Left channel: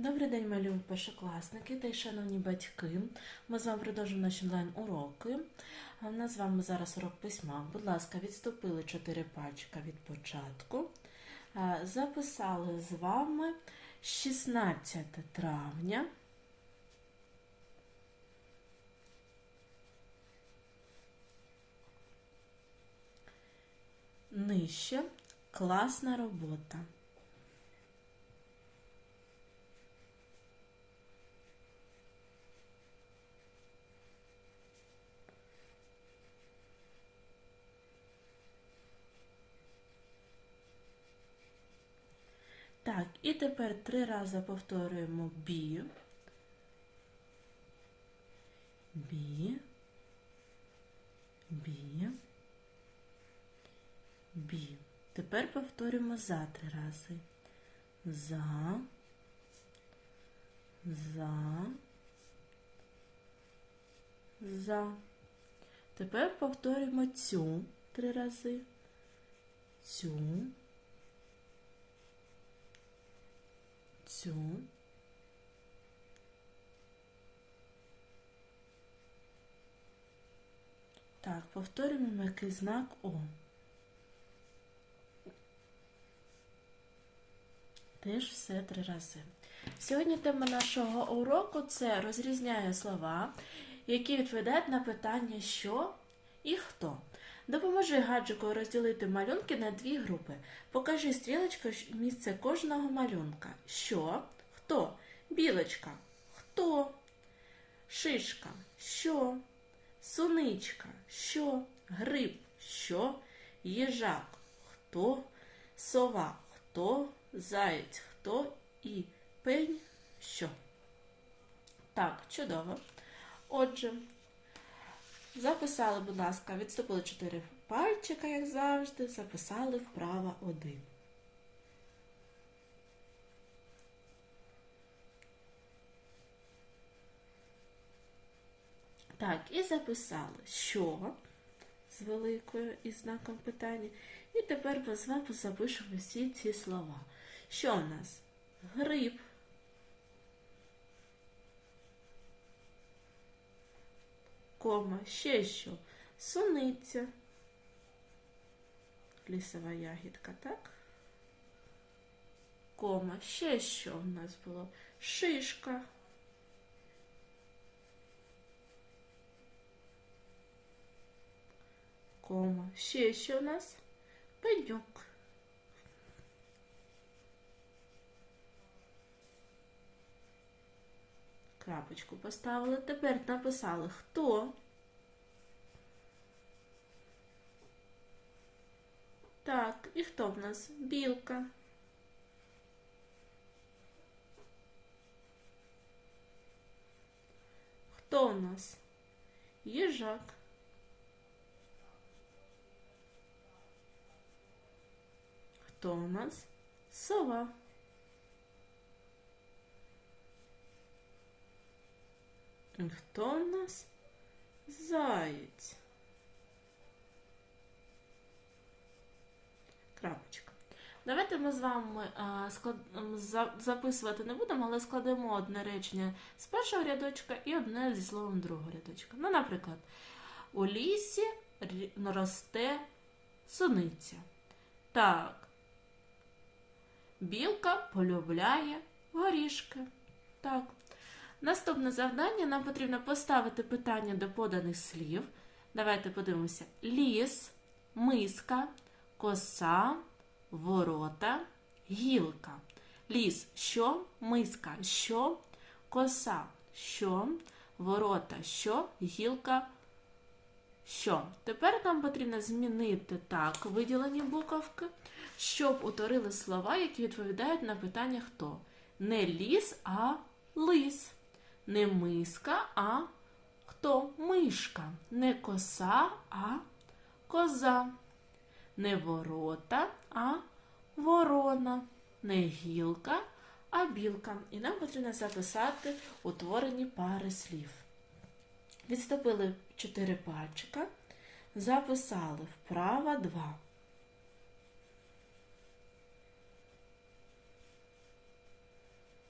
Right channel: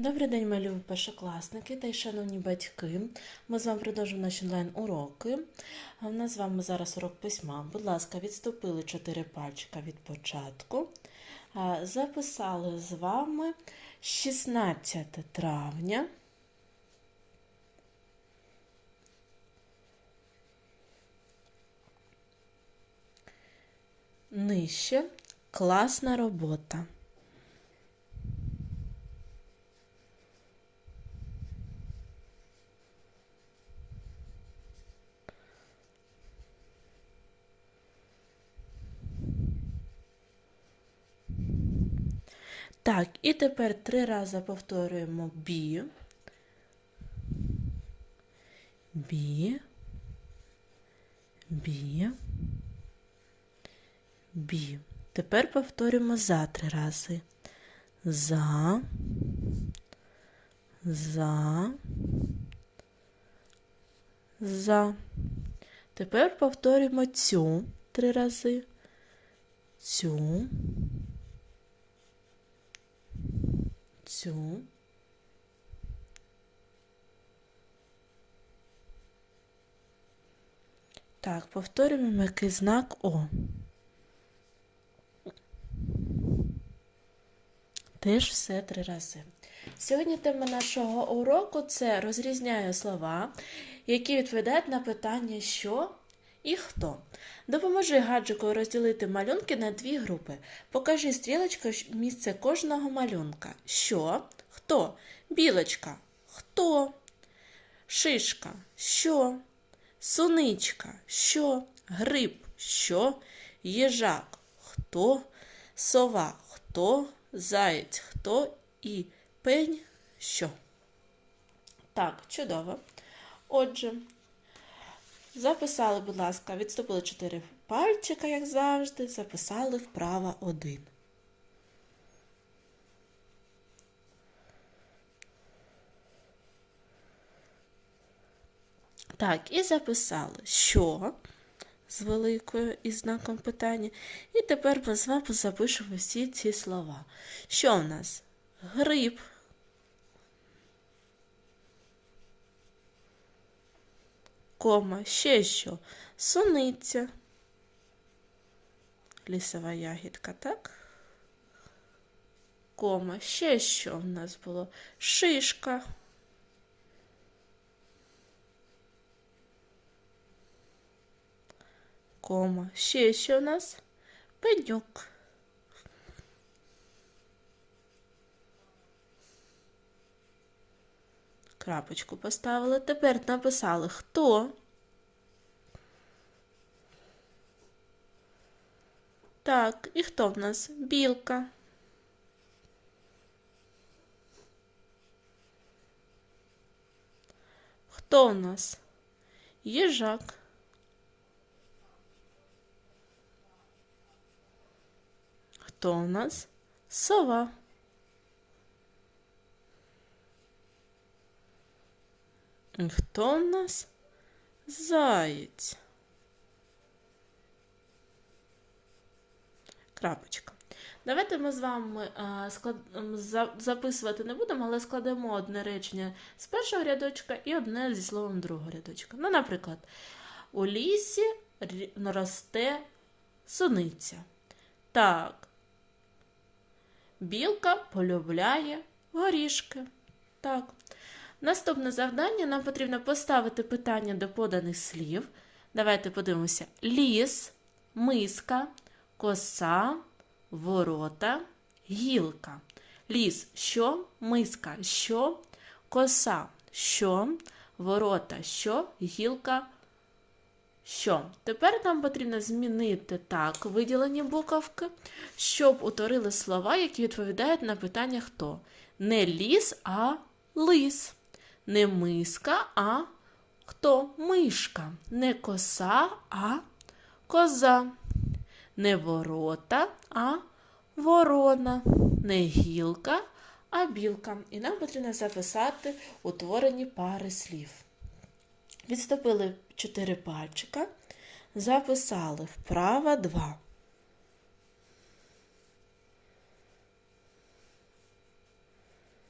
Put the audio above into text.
Добрий день, малі першокласники та й шановні батьки. Ми з вами продовжуємо наші онлайн-уроки. У нас з вами зараз урок письма. Будь ласка, відступили 4 пальчика від початку. Записали з вами 16 травня. Нижче класна робота. Так, і тепер три рази повторюємо бі. Бі. Бі. Бі. Тепер повторюємо за три рази. За. За. За. Тепер повторюємо цю три рази. Цю. Цю. Так, повторюємо м'який знак О. Теж все три рази. Сьогодні тема нашого уроку це розрізняє слова, які відповідають на питання що і хто. Допоможи гаджику розділити малюнки на дві групи. Покажи стрілочкою місце кожного малюнка. Що? Хто? Білочка. Хто? Шишка. Що? Суничка. Що? Гриб. Що? Їжак. Хто? Сова. Хто? Заєць. Хто? І пень. Що? Так, чудово. Отже, записали, будь ласка, відступили 4 пальчика, як завжди, записали вправо 1. Так, і записали, що з великою і знаком питання. І тепер ми з вами запишемо всі ці слова. Що в нас? Гриб. Кома, ще що? Суниця. Лісова ягідка, так? Кома, ще що в нас було? Шишка. Кома, ще що в нас? Пеньок. Крапочку поставили. Тепер написали хто. Так, і хто в нас? Білка. Хто у нас? Їжак. Хто у нас? Сова. Хто у нас? Заєць. Крапочка. Давайте ми з вами а, склад... за- записувати не будемо, але складемо одне речення з першого рядочка і одне зі словом другого рядочка. Ну, наприклад, у лісі росте суниця. Так. Білка полюбляє горішки. Так. Наступне завдання нам потрібно поставити питання до поданих слів. Давайте подивимося: ліс, миска, коса, ворота, гілка. Ліс що, миска що, коса що, ворота що, гілка що. Тепер нам потрібно змінити так виділені буковки, щоб утворили слова, які відповідають на питання хто. Не ліс, а лис. Не миска, а хто? Мишка. Не коса, а коза. Не ворота, а ворона. Не гілка, а білка. І нам потрібно записати утворені пари слів. Відступили 4 пальчика, записали вправо 2.